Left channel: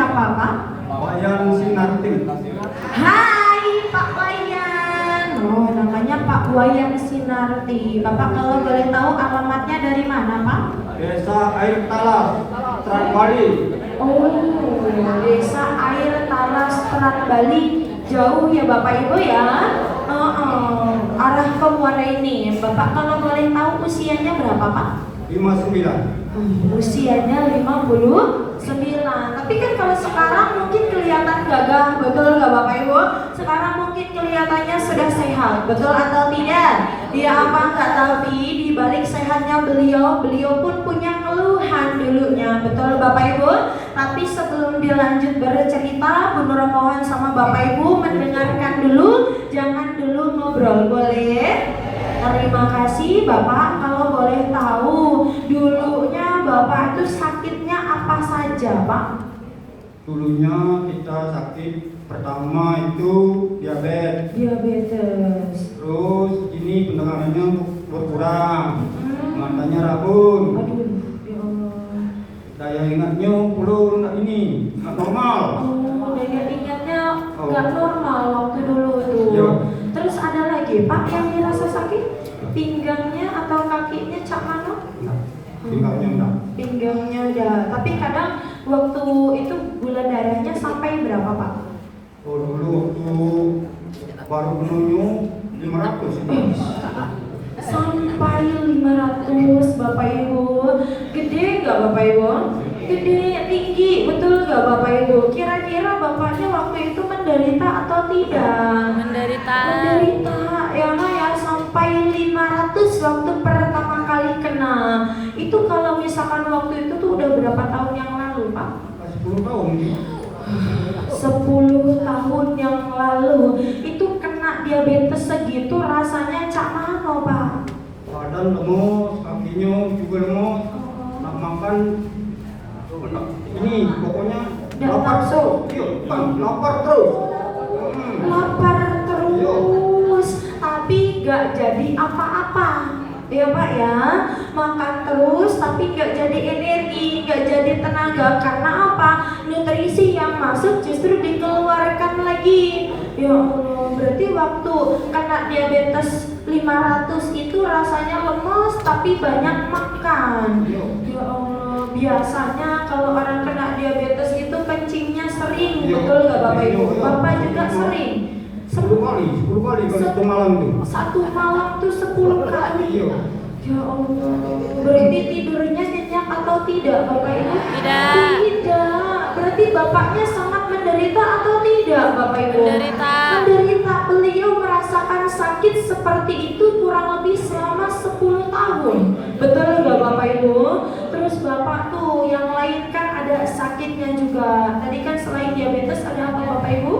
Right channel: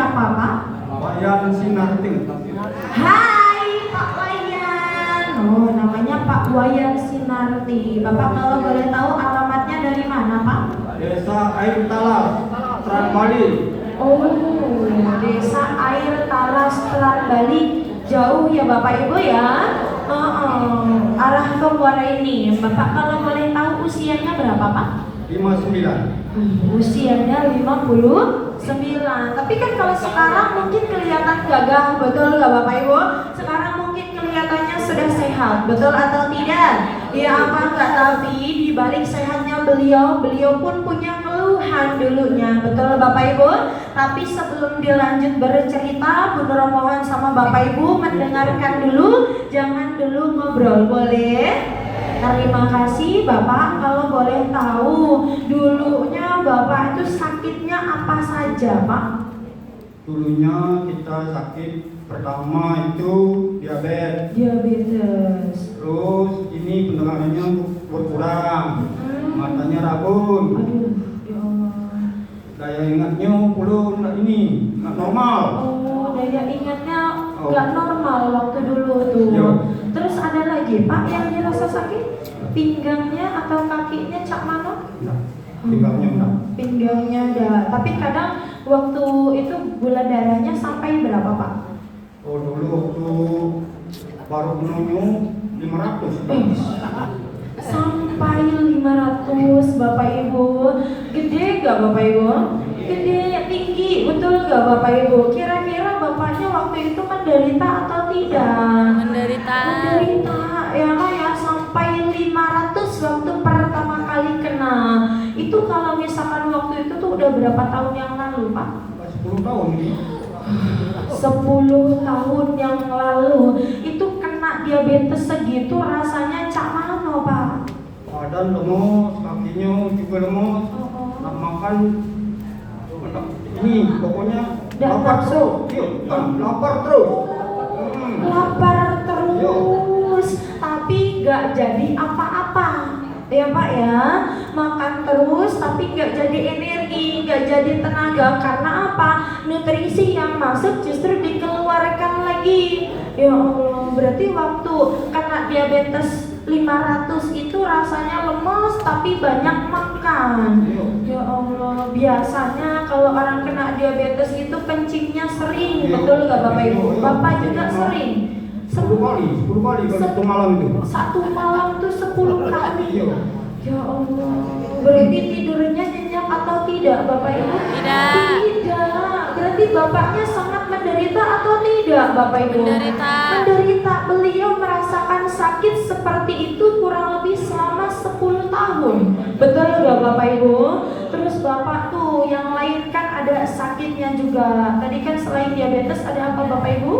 siapa Pak? Wayan Sinarti. Hai Pak Wayan. Oh, namanya Pak Wayan Sinarti. Bapak kalau boleh tahu alamatnya dari mana Pak? Desa Air Talas, Selat Bali. Oh, Desa Air Talas, Selat Bali. Jauh ya Bapak Ibu ya. Arah ke Muara ini. Bapak kalau boleh tahu usianya berapa Pak? 59. Usianya 59. Tapi kan kalau sekarang mungkin kelihatan gagah, betul nggak Bapak Ibu? Sekarang mungkin kelihatannya sudah sehat, betul atau tidak? Ya apa enggak, tapi di balik sehatnya beliau pun punya keluhan dulunya, betul Bapak Ibu? Tapi sebelum dilanjut bercerita, Bu Nur mohon sama Bapak Ibu mendengarkan dulu, jangan dulu ngobrol, boleh? Terima kasih Bapak. Kalau boleh tahu dulunya Bapak itu sakitnya apa saja Pak? Dulunya kita sakit pertama itu Diabetes. terus ini pendengarannya berkurang, matanya rabun, Aduh, ya Allah. daya ingatnya pulun nggak normal. Oh, daya ingatnya nggak normal waktu dulu tuh. Ya. Terus ada lagi Pak yang dirasa sakit? Pinggangnya atau kakinya Cak Mano? Pinggangnya enggak. Pinggangnya ada. Tapi kadang waktu itu gula darahnya sampai berapa Pak? Oh dulu waktu baru menunjuk 500. Sampai 500 Bapak Ibu. Gede gak Bapak Ibu? Gede, tinggi, betul gak Bapak Ibu? Kira-kira Bapaknya waktu itu menderita atau tidak? Menderita. Ya sampai 500 waktu pertama kali kena. Itu kalau misalkan waktu itu tuh udah berapa tahun yang lalu Pak? 10 tahun ini. 10 tahun yang lalu. Itu kena diabetes segitu rasanya Cak Mano Pak? Badan lemes, kakinya juga lemes, nak makan ini pokoknya lapar terus, lapar terus. Lapar terus, tapi gak jadi apa-apa ya Pak ya. Makan terus tapi gak jadi energi, gak jadi tenaga. Karena apa? Nutrisi yang masuk justru dikeluarkan lagi. Ya Allah, berarti waktu kena diabetes 500 itu rasanya lemes tapi banyak makan. Ya Allah, biasanya kalau orang kena diabetes itu kencingnya sering, betul gak Bapak Ibu? Bapak juga sering? 10 kali satu malam itu. Satu malam tuh 10 kali. Ya Allah, berarti tidurnya nyenyak atau tidak Bapak Ibu? Tidak. Tidak. Berarti bapaknya sangat menderita atau tidak Bapak Ibu? Menderita. Menderita. Beliau merasakan sakit seperti itu kurang lebih selama 10 tahun. Betul nggak Bapak Ibu? Terus Bapak tuh yang lain kan ada sakitnya juga. Tadi kan selain diabetes ada apa Bapak Ibu?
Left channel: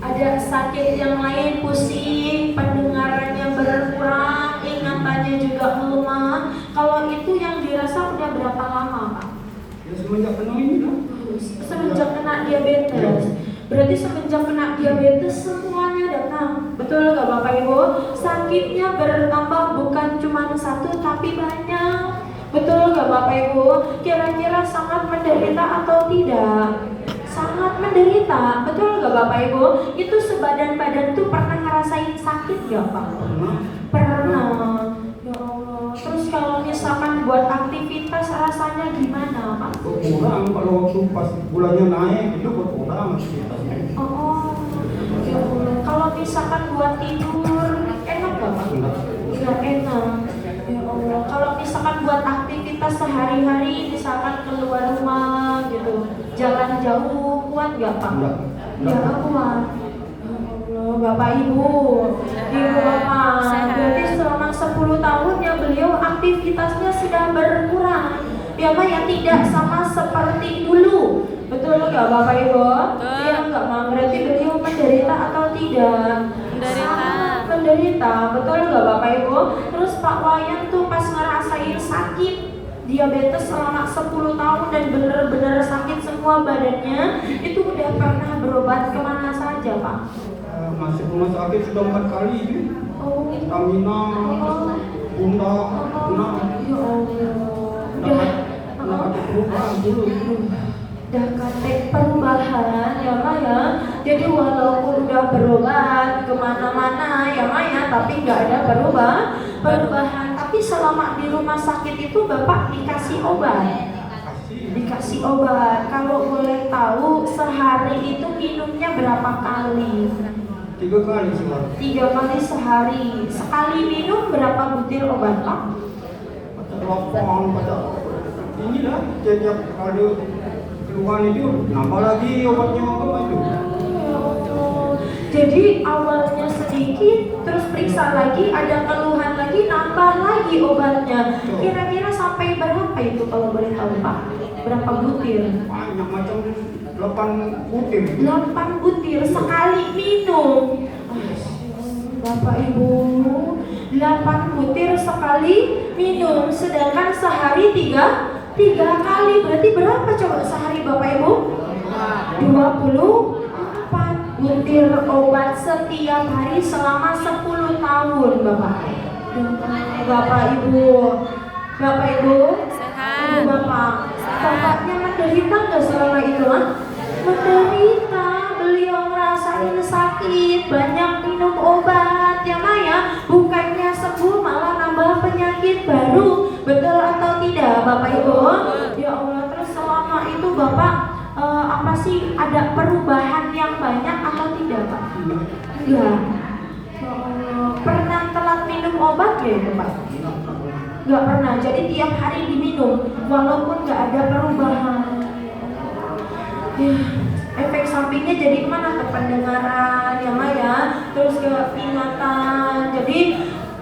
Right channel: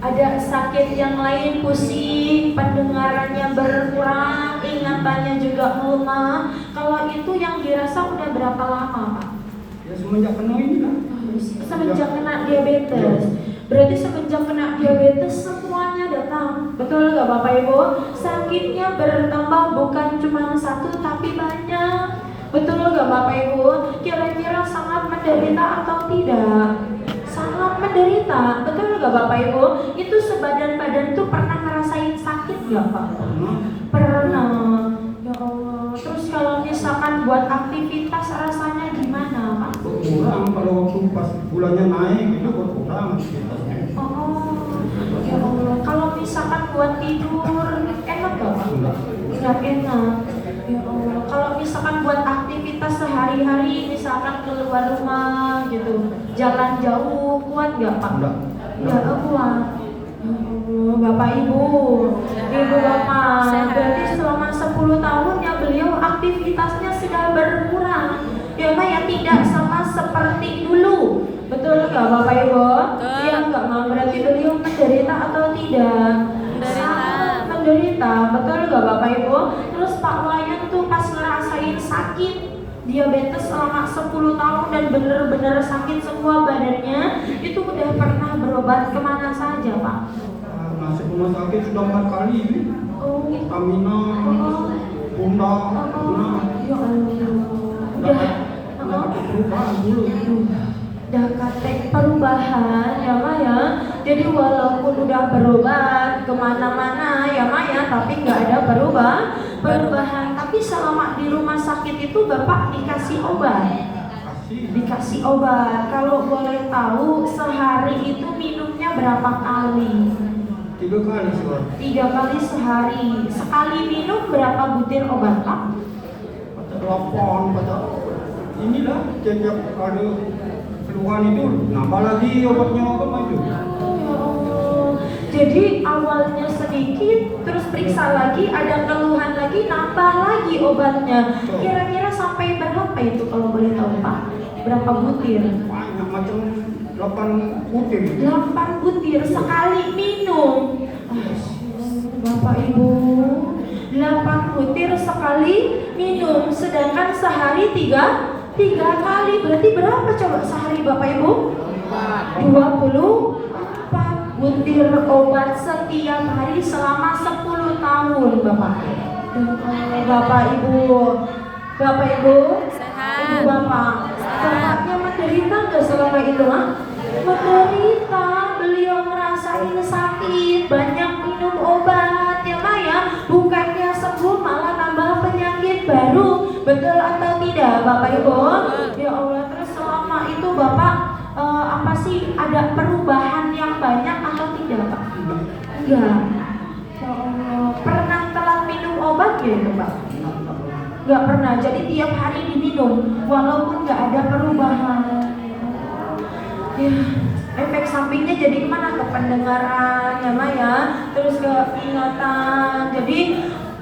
Ada sakit yang lain, pusing, pendengarannya berkurang, ingatannya juga melemah. Kalau itu yang dirasa udah berapa lama Pak? Ya semenjak kena ini kan. Semenjak kena diabetes. Berarti semenjak kena diabetes semuanya datang. Betul nggak Bapak Ibu? Sakitnya bertambah bukan cuma satu tapi banyak. Betul nggak Bapak Ibu? Kira-kira sangat menderita atau tidak? Sangat menderita. Betul nggak Bapak Ibu? Itu sebadan-badan tuh pernah ngerasain sakit nggak Pak? Pernah. Ya Allah. Terus kalau misalkan buat aktivitas rasanya gimana Pak? Kurang kalau waktu pas bulannya naik itu berkurang aktivitasnya. Oh, ya Allah. Kalau misalkan buat tidur enak gak Pak? Nggak enak. Ya Allah. Kalau misalkan buat aktivitas sehari-hari, misalkan keluar rumah gitu, jalan jauh, kuat gak Pak? Nggak kuat. Ya Allah, Bapak Ibu, di rumah. Berarti selama 10 tahun ya beliau aktivitasnya sudah berkurang. Ya Pak ya, tidak sama seperti dulu. Betul nggak Bapak Ibu? Betul. Ya nggak Mak. Berarti beliau menderita atau tidak? Menderita. Sangat menderita. Betul nggak Bapak Ibu? Terus Pak Wayan tuh pas ngerasain sakit diabetes selama 10 tahun dan bener-bener sakit semua badannya, itu udah pernah berobat kemana saja Pak? Masuk rumah sakit sudah 4 kali ini. Oh, Stamina, Bunda, ya Allah. Udah. ada perubahan dulu itu. dah kate perubahan ya Mak ya. Jadi walaupun udah berobat kemana-mana ya Mak ya, tapi nggak ada perubahan. Tapi selama di rumah sakit itu Bapak dikasih obat. Dikasih obat. Kalau boleh tahu sehari itu minumnya berapa kali? 3 kali sih Pak. 3 kali sehari. Sekali minum berapa butir obat Pak? Pada telepon, pada inilah tiap ada keluhan itu nambah lagi obatnya apa itu. Jadi awalnya sedikit, terus periksa lagi, ada keluhan lagi, nambah lagi obatnya. Kira-kira sampai berapa itu kalau boleh tahu Pak? Berapa butir? Banyak macam 8 butir. 8 butir sekali minum. Bapak Ibu, 8 butir sekali minum, sedangkan sehari 3 kali. Berarti berapa coba sehari Bapak Ibu? 24 butir obat setiap hari selama 10 tahun Bapak. Bapak Ibu, Bapak Ibu, Sehat. Bapak, bapaknya menderita nggak selama itu Mak? Menderita, beliau ngerasain sakit, banyak minum obat ya Mak ya. Bukannya sembuh malah nambah penyakit baru. Betul atau tidak Bapak Ibu? Ya Allah, terus selama itu Bapak apa sih, ada perubahan yang banyak atau tidak Pak? Enggak. Pernah telat minum obat ya itu Pak? Enggak pernah, jadi tiap hari diminum walaupun nggak ada perubahan. Ya, efek sampingnya jadi kemana? Ke pendengaran ya Mak ya, terus ke ingatan. Jadi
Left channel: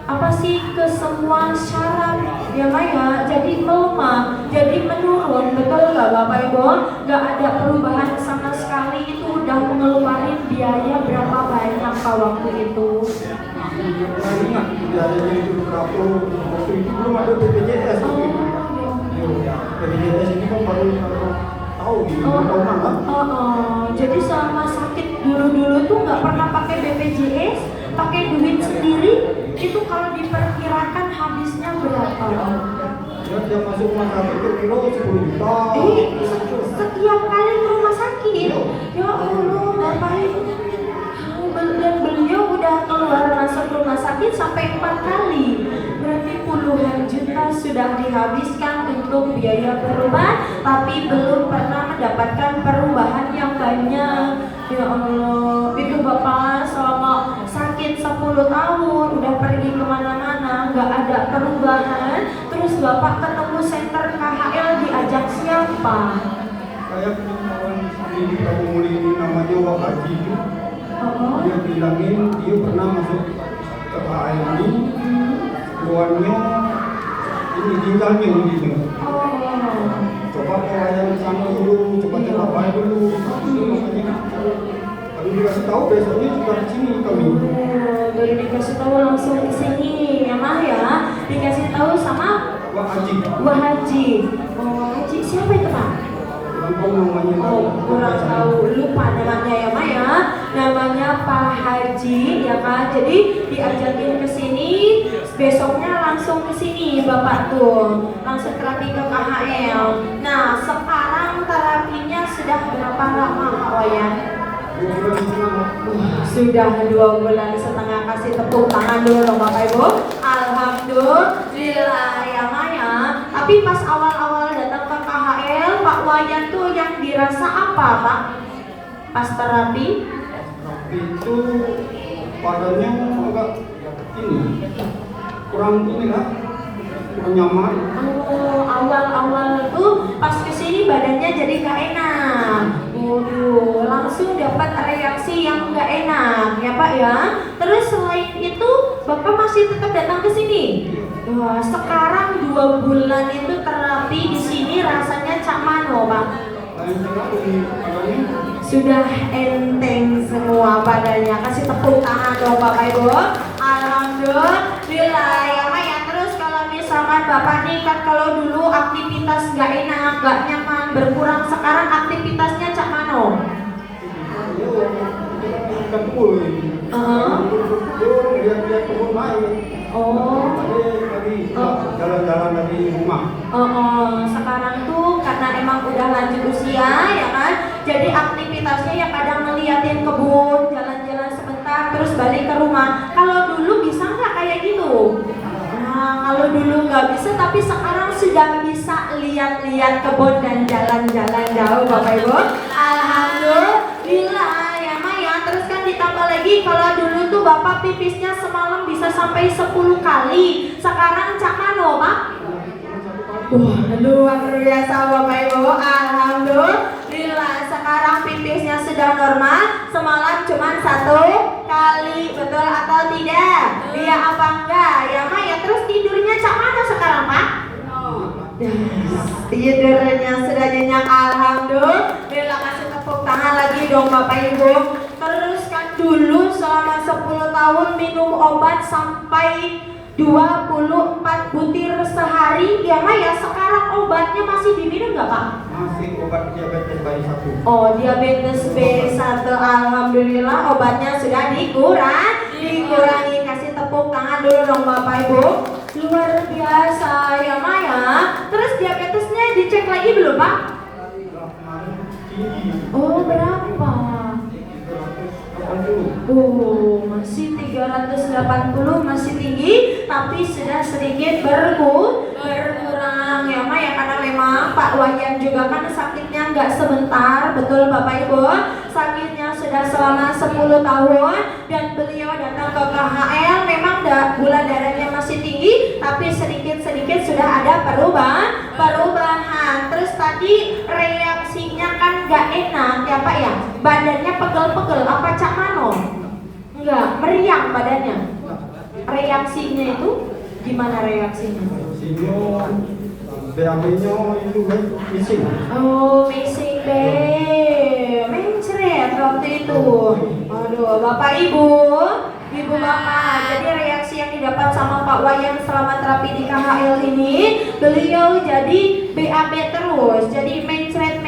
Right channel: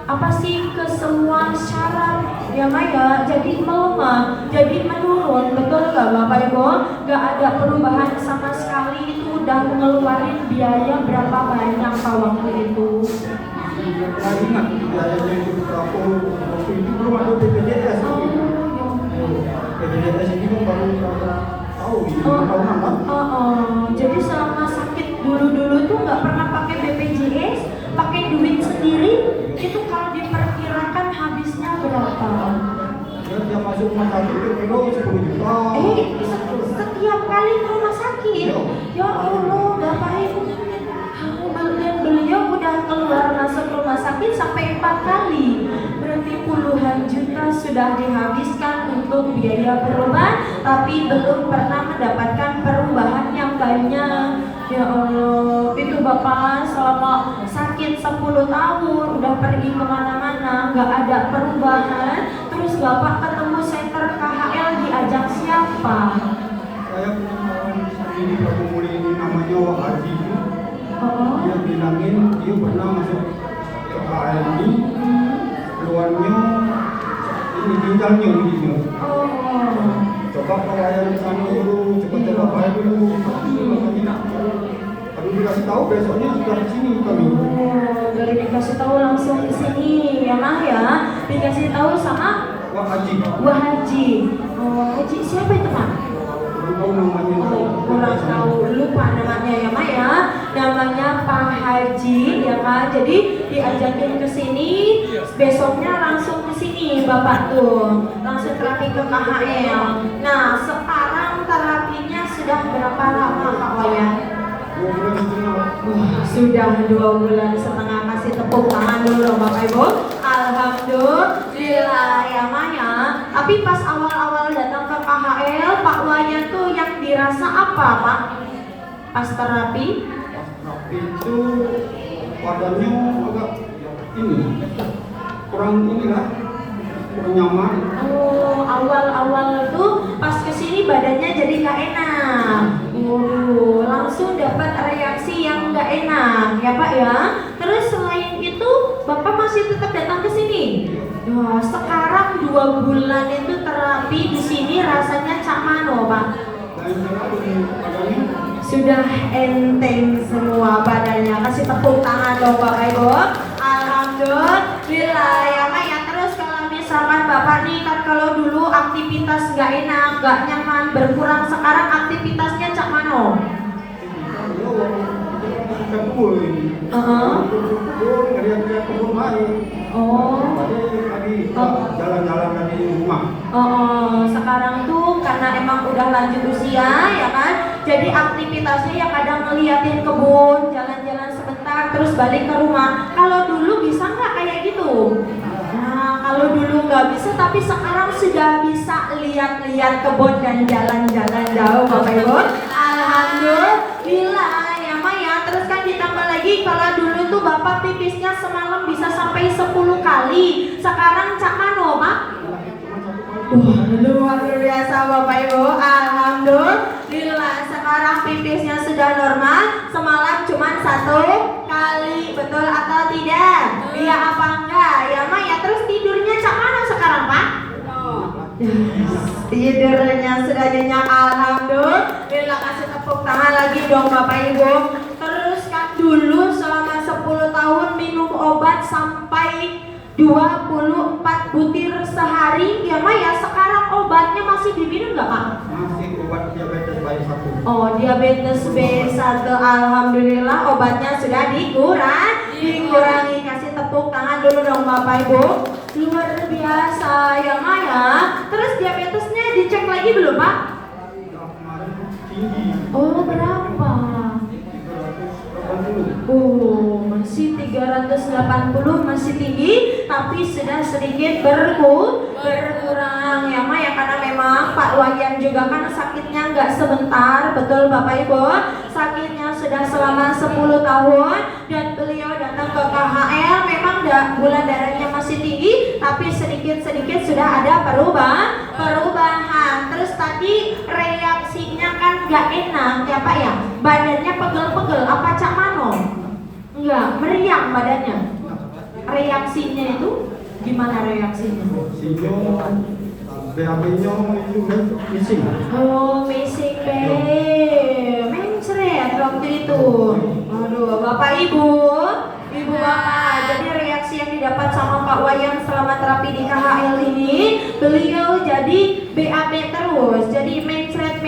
apa sih, ke semua syaraf ya Mak ya, jadi melemah, jadi menurun. Betul nggak Bapak Ibu? Nggak ada perubahan sama sekali. Itu udah mengeluarin biaya berapa banyak Pak waktu itu? Saya ingat biayanya itu berapa, waktu itu belum ada BPJS. BPJS ini kan baru tahu di tahunan kan. Jadi selama sakit dulu tuh nggak pernah pakai BPJS, pakai duit sendiri. Itu kalau diperkirakan habisnya berapa? Ya, dia masuk rumah sakit itu kilo 10 juta. Setiap kali ke rumah sakit. Ya Allah, Bapak Ibu. Dan beliau udah keluar masuk rumah sakit sampai 4 kali. Berarti puluhan juta sudah dihabiskan untuk biaya berobat, tapi belum pernah mendapatkan perubahan yang banyak. Ya Allah, itu Bapak selama sakit 10 tahun, udah pergi kemana-mana, nggak ada perubahan. Terus Bapak ketemu center KHL, diajak siapa? Saya punya kawan di Kampung Muli ini namanya Wak Haji itu. Dia bilangin dia pernah masuk ke KHL ini, keluarnya ini ginjalnya begini. Coba pelayan di sana dulu, coba baik dulu. Baru dikasih tahu besoknya sudah di sini kami. Baru dikasih tahu langsung ke sini ya Mak ya. Dikasih tahu sama Wak Haji. Wah Haji. Wah Haji siapa itu Pak? Kurang tahu namanya. Kurang tahu, lupa namanya ya Mak ya. Namanya Pak Haji ya kan. Jadi diajakin ke sini, besoknya langsung ke sini Bapak tuh, langsung terapi ke KHL. Nah sekarang terapinya sudah berapa lama Pak Wayan? Sudah 2 bulan setengah. Kasih tepuk tangan dulu dong Bapak Ibu. Alhamdulillah ya Mak ya. Tapi pas awal-awal datang ke KHL, Pak Wayan tuh yang dirasa apa Pak? Pas terapi? Itu badannya agak ini kurang inilah, kurang nyaman. Awal-awal tuh pas kesini badannya jadi gak enak. Waduh, langsung dapat reaksi yang gak enak ya Pak ya. Terus selain itu Bapak masih tetap datang ke sini. Wah, sekarang 2 bulan itu terapi di sini rasanya cak mano Pak? Sudah enteng semua badannya. Kasih tepuk tangan dong Bapak Ibu. Alhamdulillah ya Mak ya. Terus kalau misalkan Bapak nih kan kalau dulu aktivitas gak enak, gak nyaman, berkurang, sekarang aktivitasnya cak mano? Jalan-jalan dari rumah. Sekarang tuh karena emang udah lanjut usia ya Jadi aktivitasnya ya kadang ngeliatin kebun, jalan-jalan sebentar, terus balik ke rumah. Kalau dulu bisa nggak kayak gitu? Nah, kalau dulu nggak bisa, tapi sekarang sudah bisa lihat-lihat kebun dan jalan-jalan jauh, Bapak Ibu. Alhamdulillah ya Maya. Terus kan ditambah lagi kalau dulu tuh Bapak pipisnya semalam bisa sampai 10 kali. Sekarang cakan loh, Pak. Wah, luar biasa Bapak Ibu. Alhamdulillah sekarang pipisnya sudah normal. Semalam cuma 1 kali. Betul atau tidak? Iya apa enggak? Ya Maya. Terus tidurnya cakan sekarang, Pak? Tidurnya sudah nyenyak. Alhamdulillah. Kasih tepuk tangan lagi dong Bapak Ibu. Terus kan dulu selama 10 tahun minum obat sampai 24 butir sehari. Ya Maya, sekarang obatnya masih diminum nggak Pak? Masih obat diabetes B1. Oh, diabetes B1. Alhamdulillah obatnya sudah dikurangi. Kasih tepuk tangan dulu dong Bapak Ibu. Luar biasa ya Maya. Terus diabetesnya dicek lagi belum Pak? Oh, berapa? Oh, masih 380, masih tinggi, tapi sudah sedikit berkurang ya Maya, karena memang Pak Wayan juga kan sakitnya nggak sebentar, betul Bapak Ibu. Sakitnya sudah selama 10 tahun dan beliau datang ke KHL. Memang gula darahnya masih tinggi, tapi sedikit-sedikit sudah ada perubahan. Terus tadi reaksinya kan nggak enak ya Pak ya, badannya pegel-pegel, apa Cak Mano? Enggak, meriang badannya. Reaksinya itu gimana reaksinya? BAB-nya itu kan missing. Oh, missing mencret waktu itu. Aduh, Bapak Ibu Bapak. Jadi reaksi yang didapat sama Pak Wayan selama terapi di KHL ini, beliau jadi BAB terus, jadi mencret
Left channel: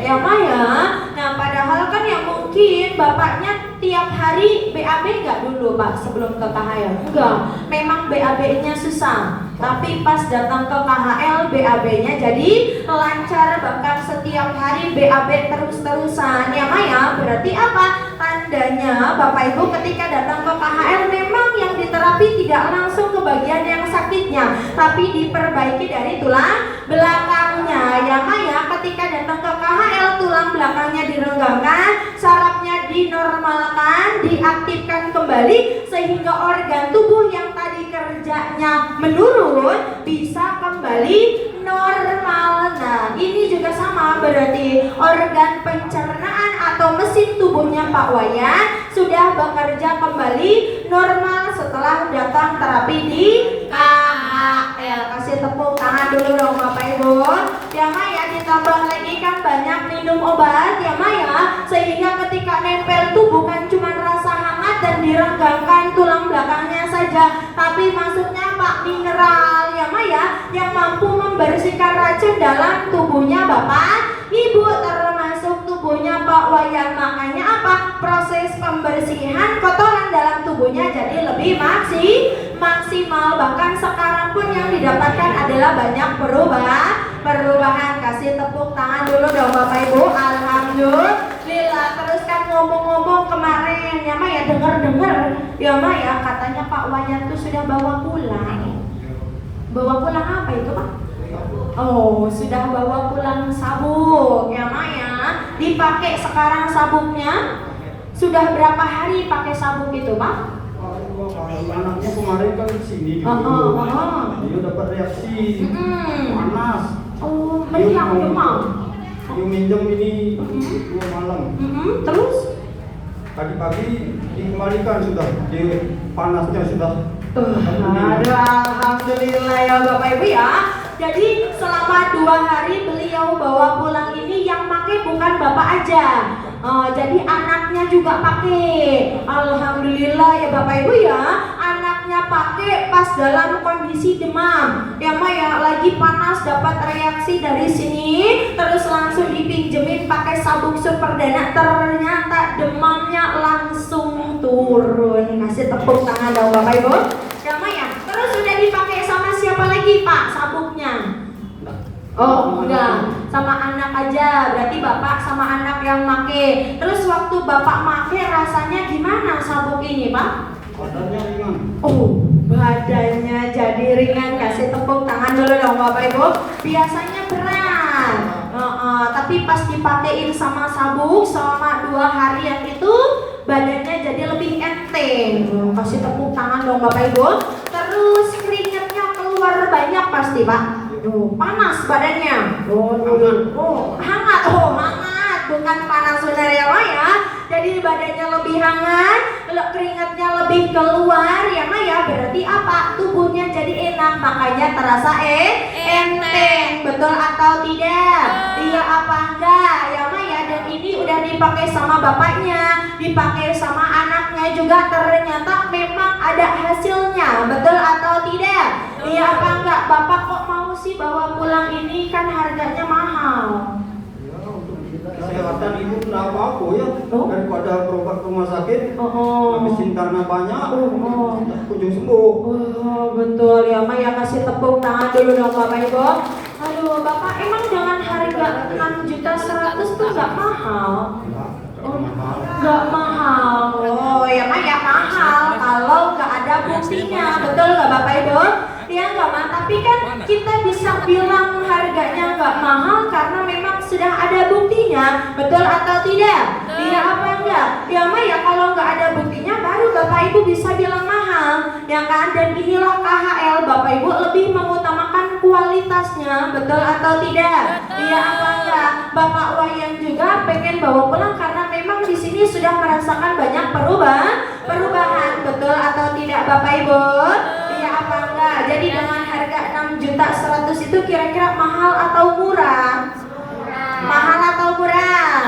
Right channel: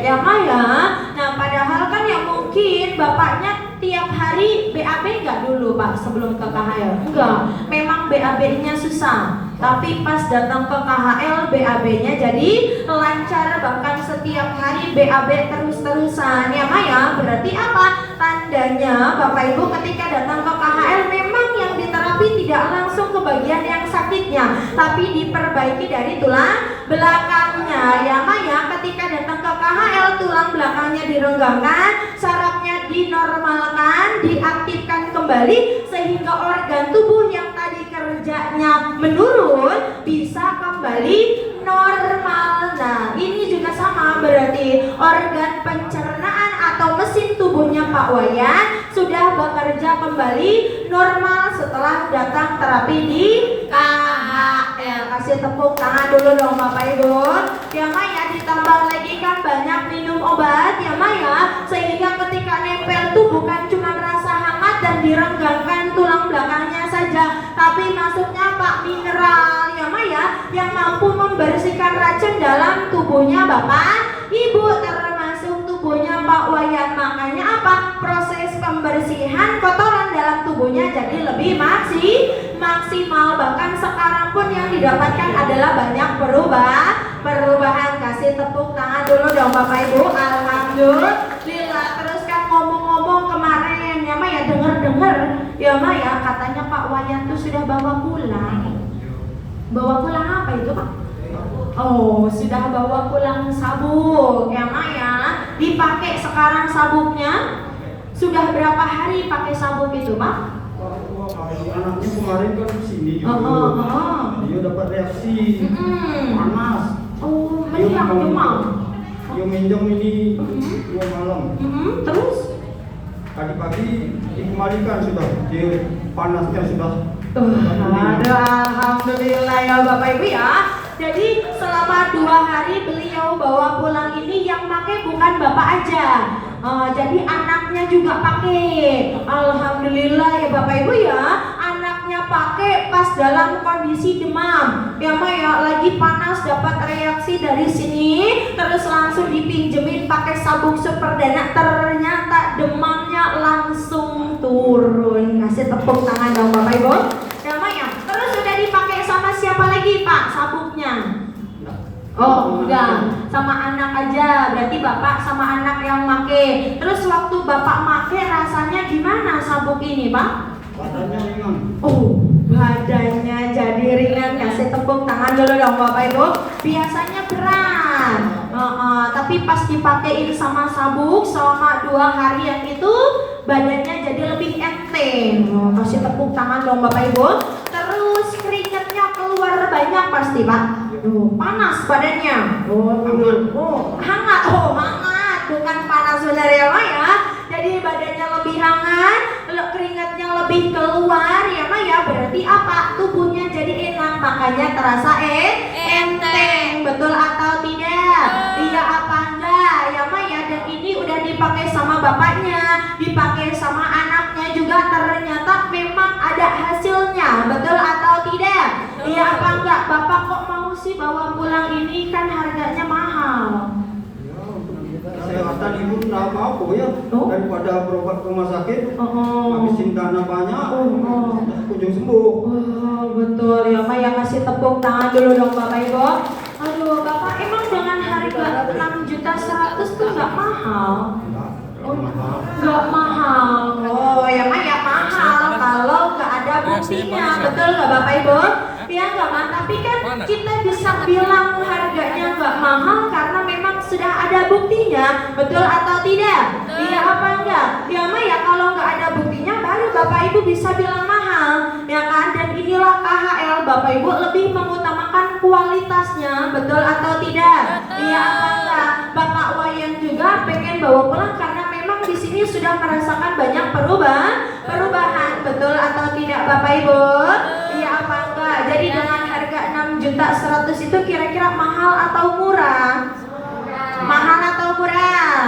ya Maya. Nah, padahal kan yang mungkin bapaknya tiap hari BAB nggak dulu Pak sebelum ke KHL? Enggak, memang BAB-nya susah. Tapi pas datang ke KHL BAB-nya jadi lancar, bahkan setiap hari BAB terus-terusan ya Maya. Berarti apa? Tandanya Bapak Ibu ketika datang ke KHL memang yang diterapi tidak langsung ke bagian yang sakitnya, tapi diperbaiki dari tulang belakangnya ya Maya. Ketika datang ke KHL tulang belakangnya direnggangkan, sarafnya dinormalkan, diaktifkan kembali sehingga organ tubuh yang tadi kerjanya menurun bisa kembali normal. Nah, ini juga sama, berarti organ pencernaan atau mesin tubuhnya Pak Wayan sudah bekerja kembali normal setelah datang terapi di KHL. Kasih tepuk tangan dulu dong Bapak Ibu. Ya Maya, ditambah lagi kan banyak minum obat ya Maya, sehingga ketika nempel tuh bukan cuma rasa hangat dan direnggangkan tulang belakangnya saja, tapi masuknya Pak mineral ya Maya yang mampu membersihkan racun dalam tubuhnya Bapak Ibu, termasuk tubuhnya Pak Wayan. Makanya apa? Proses pembersihan kotoran dalam tubuhnya jadi lebih maksimal. Bahkan sekarang pun yang didapatkan adalah banyak perubahan. Kasih tepuk tangan dulu dong Bapak Ibu. Alhamdulillah. Terus kan ngomong-ngomong kemarin ya Maya, dengar ya Maya, katanya Pak Wayan tuh sudah bawa pulang apa itu Pak? Oh, sudah bawa pulang sabuk ya Maya. Dipakai sekarang sabuknya. Sudah berapa hari pakai sabuk itu Pak? Anaknya kemarin kan sini dia dapat reaksi panas. Oh, meriang demam. Dia minjem ini 2 malam. Terus? Tadi pagi dikembalikan sudah, dia panasnya sudah. Alhamdulillah ya Bapak Ibu ya. Jadi selama 2 hari beliau bawa pulang ini yang pakai bukan Bapak aja. Jadi anaknya juga pakai. Alhamdulillah ya Bapak Ibu ya. Anaknya pakai pas dalam kondisi demam. Ya Maya, lagi panas dapat reaksi dari sini, terus langsung dipinjemin pakai sabuk superdana, ternyata demamnya langsung turun. Kasih tepuk tangan dong Bapak Ibu. Ya Maya, terus sudah dipakai sama siapa lagi Pak sabuknya? Oh, udah sama anak aja. Berarti bapak sama anak yang make. Terus waktu bapak make rasanya gimana sabuk ini Pak? Badannya ringan. Oh, badannya jadi ringan. Kasih tepuk tangan dulu dong Bapak Ibu. Biasanya berat. Tapi pas dipakein sama sabuk selama 2 harian itu badannya jadi lebih enteng. Kasih tepuk tangan dong Bapak Ibu. Terus keringatnya keluar banyak pasti Pak. Panas badannya. Hangat. Hangat. Bukan panas benar ya Pak ya. Jadi badannya lebih hangat, keringatnya lebih keluar ya Mak ya. Berarti apa? Tubuhnya jadi enak, makanya terasa enteng. Betul atau tidak? Iya apa enggak? Ya Mak ya. Dan ini udah dipakai sama bapaknya, dipakai sama anaknya juga, ternyata memang ada hasilnya. Betul atau tidak? Iya apa enggak? Bapak kok mau sih bawa pulang ini, kan harganya mahal. Kesehatan ibu tidak apa-apa ya, daripada berobat ke rumah sakit, habisin dana banyak, kunjung sembuh. Betul ya Mak ya. Kasih tepuk tangan dulu dong Bapak Ibu. Aduh Bapak, emang dengan harga 6.100.000 tuh nggak mahal? Nggak mahal. Oh ya Mak ya, mahal kalau nggak ada buktinya. Betul nggak Bapak Ibu? Ya nggak Mak, tapi kan kita bisa bilang harganya nggak mahal karena memang sudah ada buktinya. Betul atau tidak? Iya apa enggak? Ya Mak ya, kalau nggak ada buktinya baru Bapak Ibu bisa bilang mahal, ya kan? Dan inilah KHL, Bapak Ibu lebih mengutamakan kualitasnya. Betul atau tidak? Iya apa enggak? Bapak Wayan juga pengen bawa pulang karena memang di sini sudah merasakan banyak perubahan. Betul atau tidak Bapak Ibu? Iya apa enggak? Jadi dengan harga 6.100.000 itu kira-kira mahal atau murah? Mahal atau murah?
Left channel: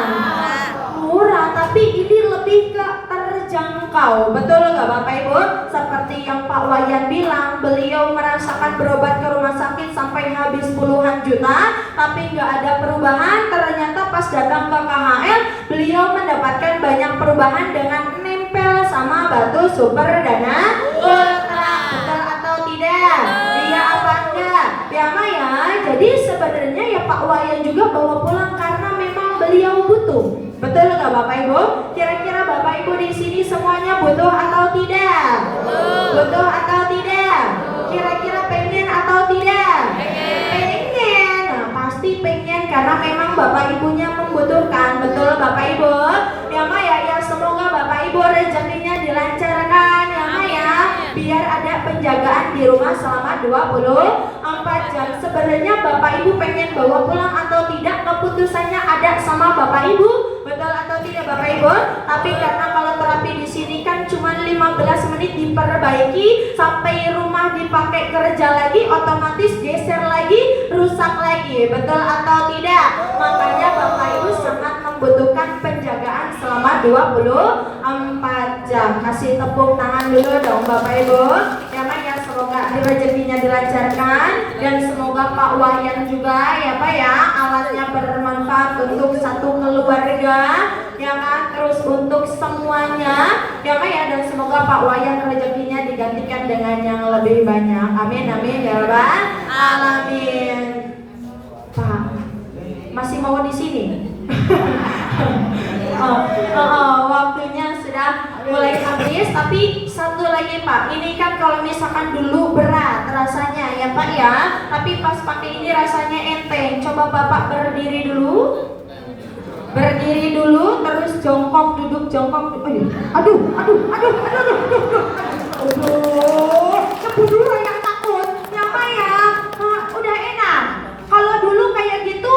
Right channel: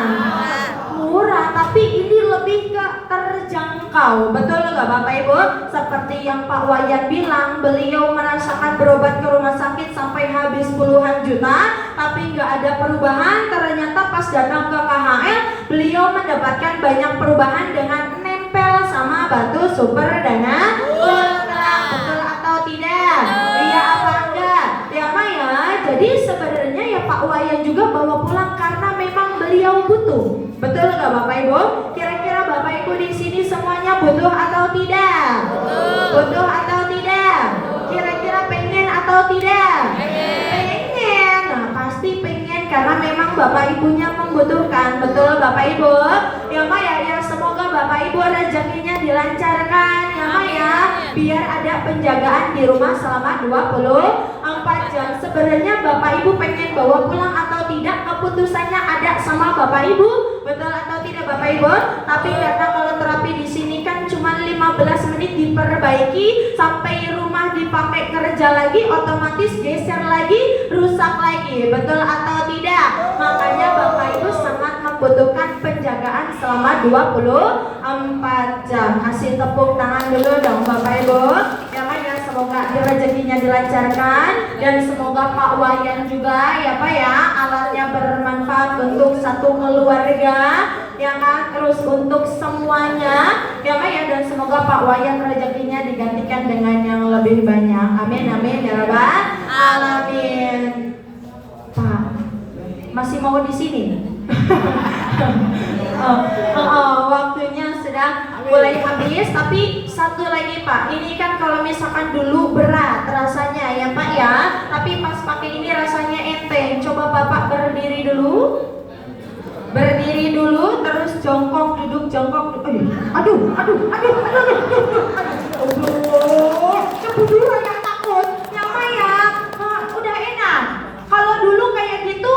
Murah, tapi ini lebih ke terjangkau. Betul nggak Bapak Ibu? Seperti yang Pak Wayan bilang, beliau merasakan berobat ke rumah sakit sampai habis puluhan juta, tapi nggak ada perubahan. Ternyata pas datang ke KHL, beliau mendapatkan banyak perubahan dengan nempel sama batu super dana ultra. Betul atau tidak? Iya apa enggak? Ya Mak ya. Jadi sebenarnya ya Pak Wayan juga bawa pulang karena memang beliau butuh. Betul nggak Bapak Ibu? Kira-kira Bapak Ibu di sini semuanya butuh atau tidak? Butuh atau tidak? Kira-kira pengen atau tidak? Pengen. Nah, pasti pengen karena memang Bapak Ibunya membutuhkan. Betul Bapak Ibu? Ya Mak ya, semoga Bapak Ibu rezekinya dilancarkan ya Mak ya. Biar ada penjagaan di rumah selama 24 jam. Sebenarnya Bapak Ibu pengen bawa pulang atau tidak, keputusannya ada sama Bapak Ibu. Betul atau tidak Bapak Ibu? Tapi karena kalau terapi di sini kan cuma 15 menit diperbaiki, sampai rumah dipakai kerja lagi, otomatis geser lagi, rusak lagi. Betul atau tidak? Makanya Bapak Ibu sangat membutuhkan penjagaan selama 24 jam. Kasih tepuk tangan dulu dong Bapak Ibu. Ya Mak ya, semoga rezekinya dilancarkan dan semoga Pak Wayan juga ya Pak ya, alatnya bermanfaat untuk satu keluarga ya Mak, terus untuk semuanya ya Mak ya, dan semoga Pak Wayan rezekinya digantikan dengan yang lebih banyak. Amin amin ya Rabbal alamin. Pak, masih mau di sini? Waktunya sudah mulai habis, tapi satu lagi Pak, ini kan kalau misalkan dulu berat rasanya ya Pak ya, tapi pas pakai ini rasanya enteng. Coba Bapak berdiri dulu, terus jongkok, duduk, jongkok. Aduh, dulu yang takut ya Pak ya. Udah enak. Kalau dulu kayak gitu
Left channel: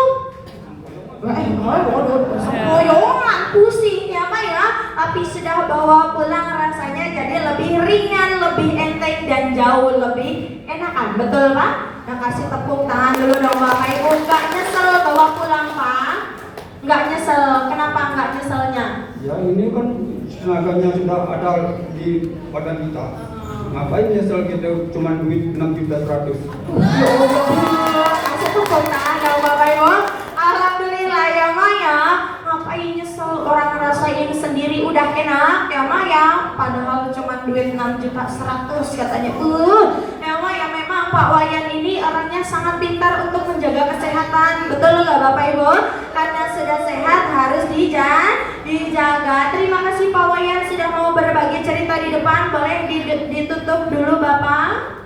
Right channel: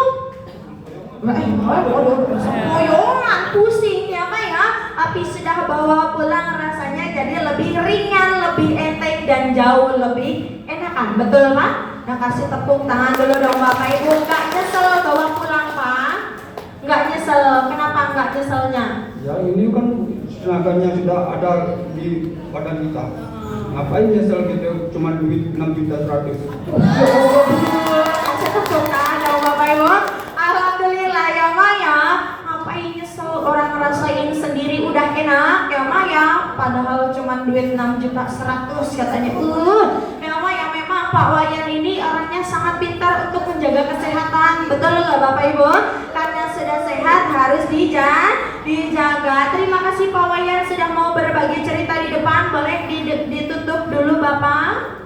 goyongan, pusing ya Pak ya. Tapi sudah bawa pulang rasanya jadi lebih ringan, lebih enteng dan jauh lebih enakan. Betul Pak? Nah, kasih tepuk tangan dulu dong Bapak Ibu. Nggak nyesel bawa pulang Pak? Nggak nyesel. Kenapa nggak nyeselnya? Ya ini kan tenaganya sudah ada di badan kita. Ngapain nyesel gitu, cuma duit 6.100.000. Kasih tepuk tangan dong Bapak Ibu. Alhamdulillah ya Mak ya. Ngapain nyesel, orang ngerasain sendiri udah enak ya Mak ya. Padahal cuma duit 6.100.000 katanya. Ya Mak ya, memang Pak Wayan ini orangnya sangat pintar untuk menjaga kesehatan. Betul nggak Bapak Ibu? Karena sudah sehat harus dijaga. Terima kasih Pak Wayan sudah mau berbagi cerita di depan. Boleh ditutup dulu Bapak.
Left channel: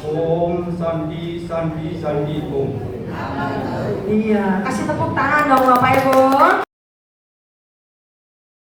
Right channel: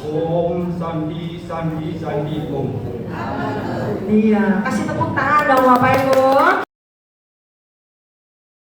Om Sandi Sandi Sandi Om. Iya, kasih tepuk tangan dong Bapak Ibu.